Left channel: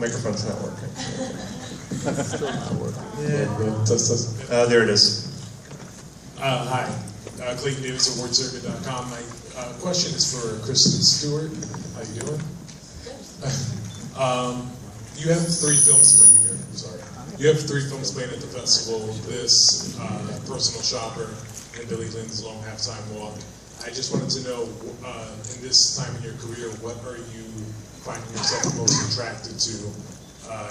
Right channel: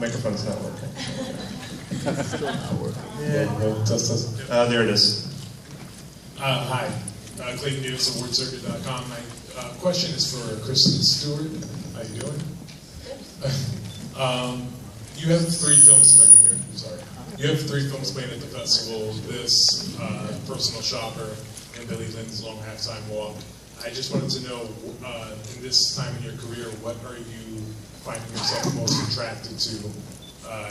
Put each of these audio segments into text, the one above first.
Microphone's not working. Yeah, there it is. Hi, Clayton Davis of WordCircuit.com. My question is for Kristen Stewart. How you doing? You have 3 films playing here. I'm sorry. You have 3 films playing at the festival. This, Personal Shopper, and Billy Lynn's Long Halftime Walk. I just wanted to know, in this time in your career, what are you finding yourself most attracted to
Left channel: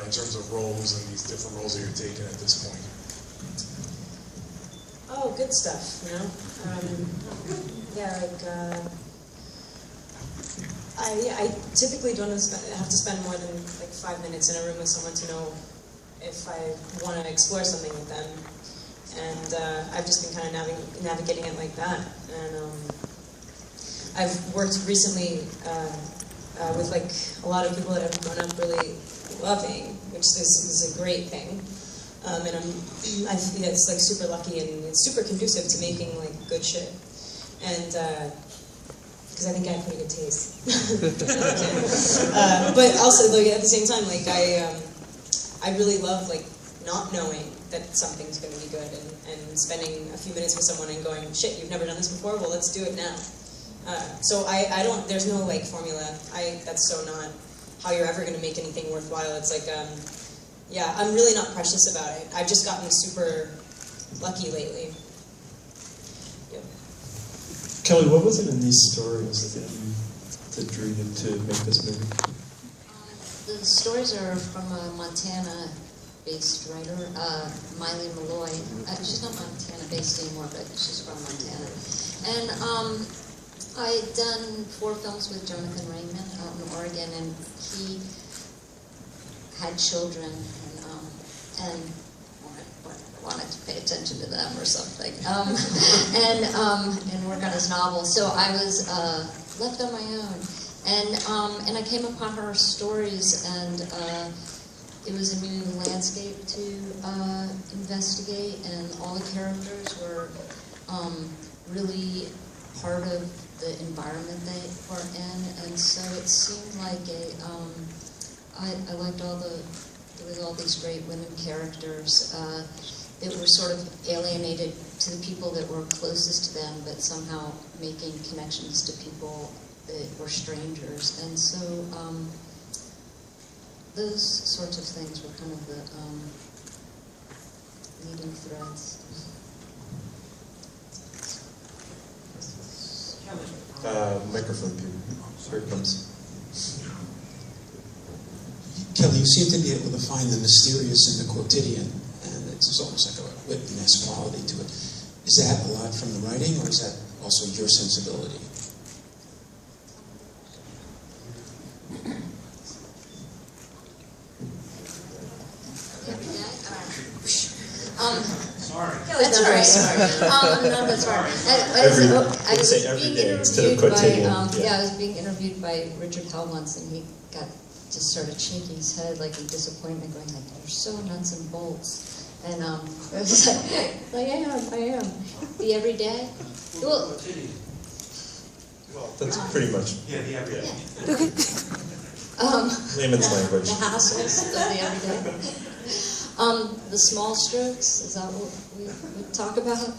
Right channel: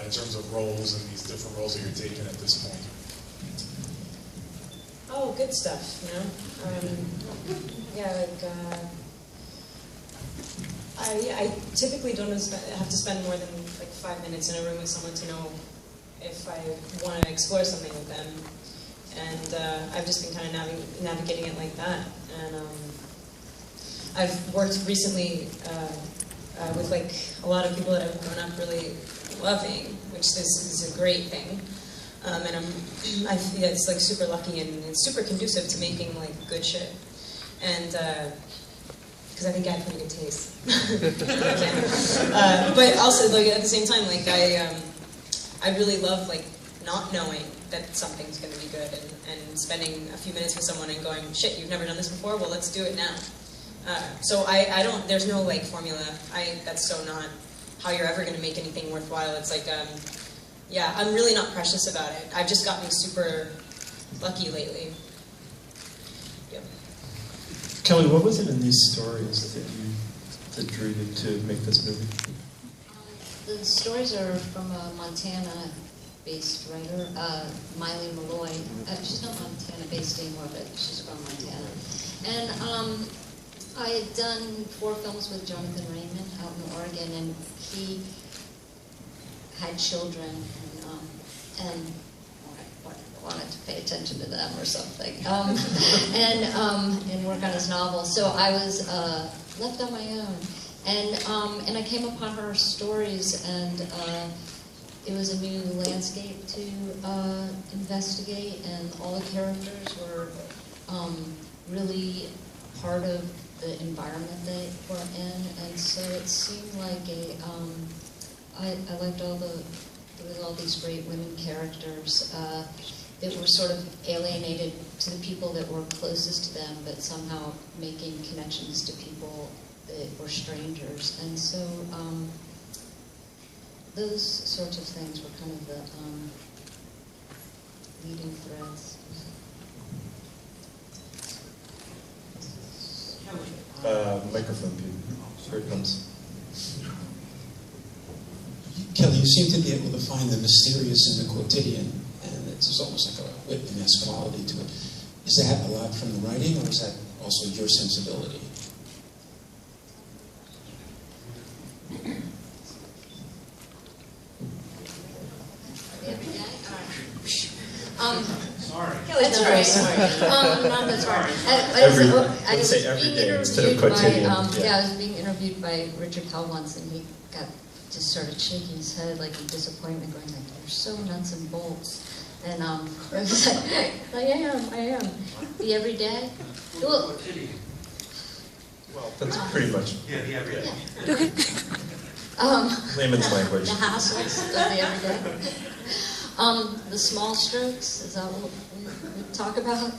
in terms of roles and these different roles that you're taking at this point? Oh, good stuff, you know? Yeah, like, I typically don't have to spend more than like 5 minutes in a room with someone to know if I want to explore something with them. And I've just been kind of navigating it like that. And I've worked recently with like a lot of people that I've grown up really loving, which is a great thing. And I feel it's like super lucky and it's super conducive to making like good shit. And because I think I have pretty good taste. But also like at the same time, like I really love like not knowing that something's going to be good and spending a few minutes with someone and going, shit, you've never done this before? Well, let's do it now. So I don't, there's no like formula. That's so not how you're ever going to make anything worthwhile. It's like, yeah, I'm really not precious about it. I've just gotten super lucky lately. Yep. Kelly, what was it in these stories that drew you to make this movie? The stories are from a Montana-based writer, Miley Malloy. She's not Montana-based anymore, but she's from Montana. And I'd done 4 films with Jonathan Raymond out in Oregon, and he had children and wanted to pay attention to them or something, and work on his novel. So I was left on my own, and I came upon her stories, and it was a new landscape to investigate, and all the characters were really part of the environment they were in, and so it seemed like I liked there was all these great women characters that were sort of alienated to the people that were closest to them, but somehow making connections to people that were strangers. And so those sorts of things were kind of the leading threads. Microphone, here it comes. Kelly, you seem to be able to find the mysterious in the quotidian, and it's almost like a witness quality to it. Is that a lot from the writing, or is that also your sensibility? Sorry. That's all right. No, that's right. I was being interviewed by I was being interviewed by Richard Hell once, and he got just sort of shaking his head like in disappointment, going like, "You're so nuts and bolts." And I was like, I am. The everyday. Well, that's pretty much. Yeah, the everyday. Okay. Layman's language. The hassles of the everyday. The small strokes, is that what we talk about?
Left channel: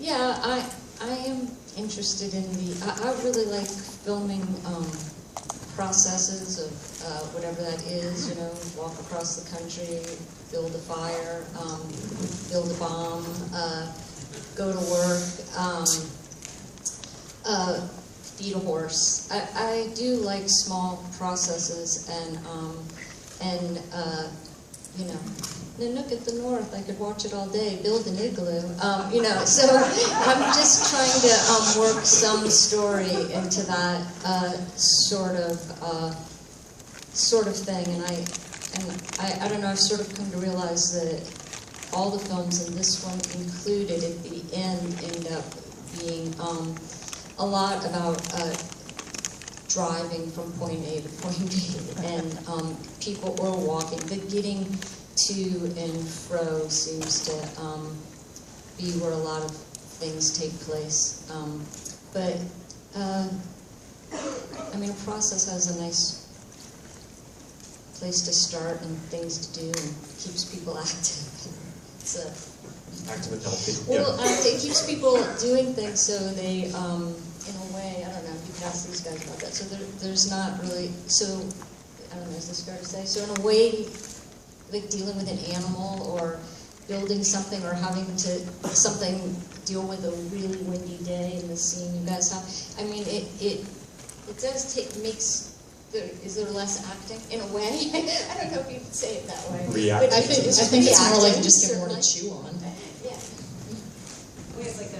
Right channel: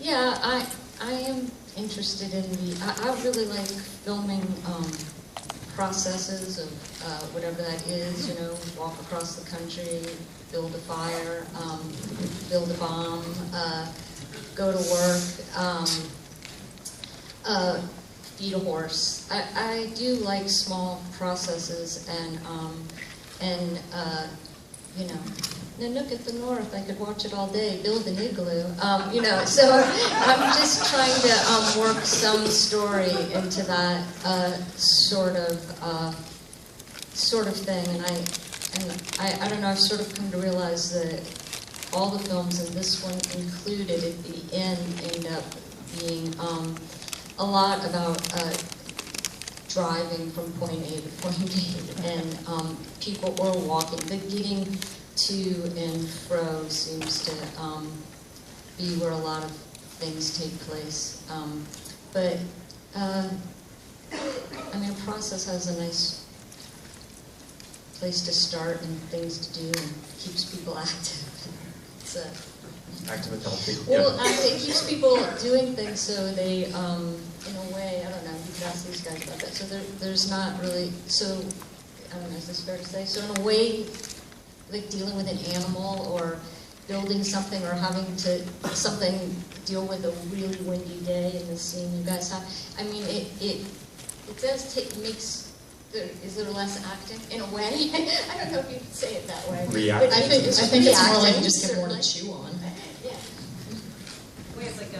Yeah, I am interested in I really like filming processes of whatever that is, you know, walk across the country, build a fire, build a bomb, go to work, feed a horse. I do like small processes and you know, Nanook at the North, I could watch it all day, build an igloo, you know, so I'm just trying to work some story into that sort of thing, and I don't know, I've sort of come to realize that all the films, and this one included at the end, end up being a lot about driving from point A to point B, and people are walking. The getting to and fro seems to be where a lot of things take place. But I mean, a process has a nice place to start and things to do and keeps people active. It's a, Active and healthy. well, Yeah. it keeps people doing things so they, in a way, I don't know, you can ask these guys about that. So there's not really, so, I don't know, is this fair to say? So in a way, like dealing with an animal or building something or having to, deal with a really windy day in the scene you guys have, I mean, it does is there less acting in a way? I don't know if you could say it that way. Reacting. But I think it's more like reacting, you just get more to certainly. chew on. Yeah. Well, it's like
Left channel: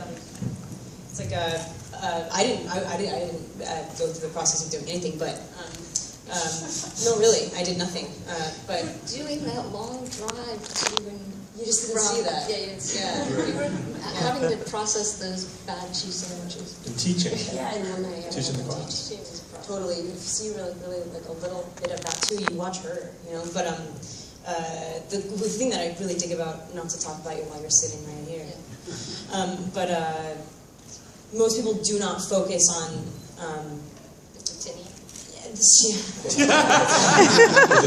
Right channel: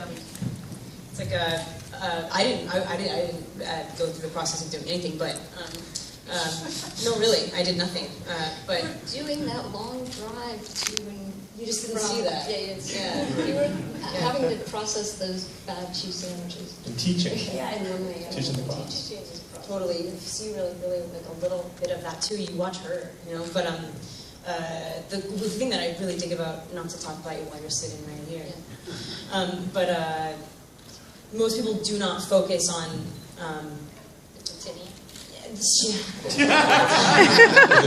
I didn't go through the process of doing anything, but no, really, I did nothing. But We're doing that long drive to and you just didn't see that. Yeah, we were having to process those bad cheese sandwiches. And teaching. Yeah, and then Teaching the class. totally. You see really like a little bit of that too. You watch her, you know. But the thing that I really dig about, not to talk about you while you're sitting right here, but most people do not focus on. The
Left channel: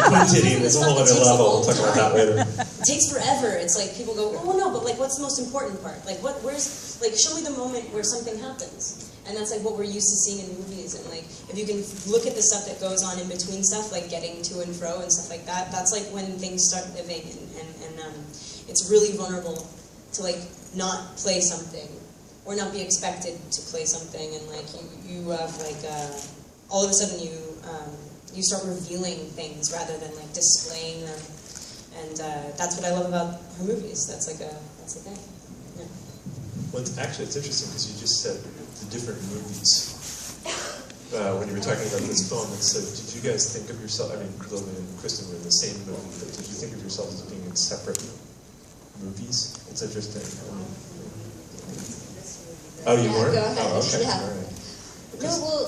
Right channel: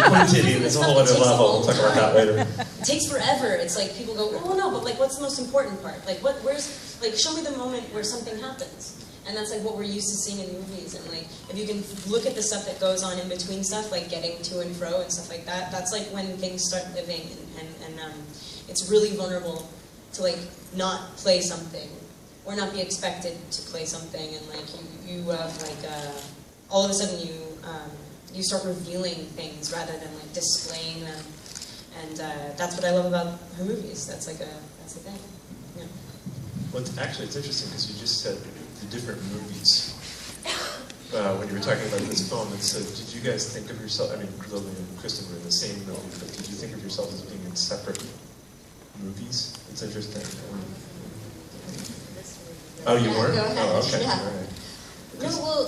quotidian is a whole other level. We'll talk about that later. It takes forever. It's like people go, oh no, but like, what's the most important part? Like, show me the moment where something happens. And that's like what we're used to seeing in movies. And like, if you can look at the stuff that goes on in between stuff, like getting to and fro and stuff like that, that's like when things start living. And it's really vulnerable to like not play something or not be expected to play something. And like you have like all of a sudden you start revealing things rather than like displaying them. And that's what I love about her movies. That's the thing. Yeah. Well, it's interesting because you just said the different movies when you were talking about this film. And so, did you guys think of yourself? I mean, Lily and Kristen were in the same movie, but did you think of yourself as being in separate movies? It's interesting. Oh, you weren't? Go ahead. Oh, okay. Yeah. All right. No, well,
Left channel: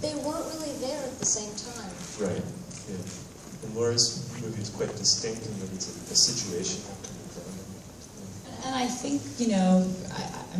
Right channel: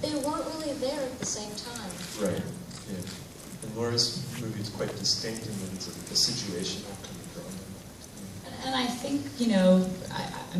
they weren't really there at the same time. Right. Yeah. And Laura's movie is quite distinct in that it's a situational kind of drama. And I think, you know,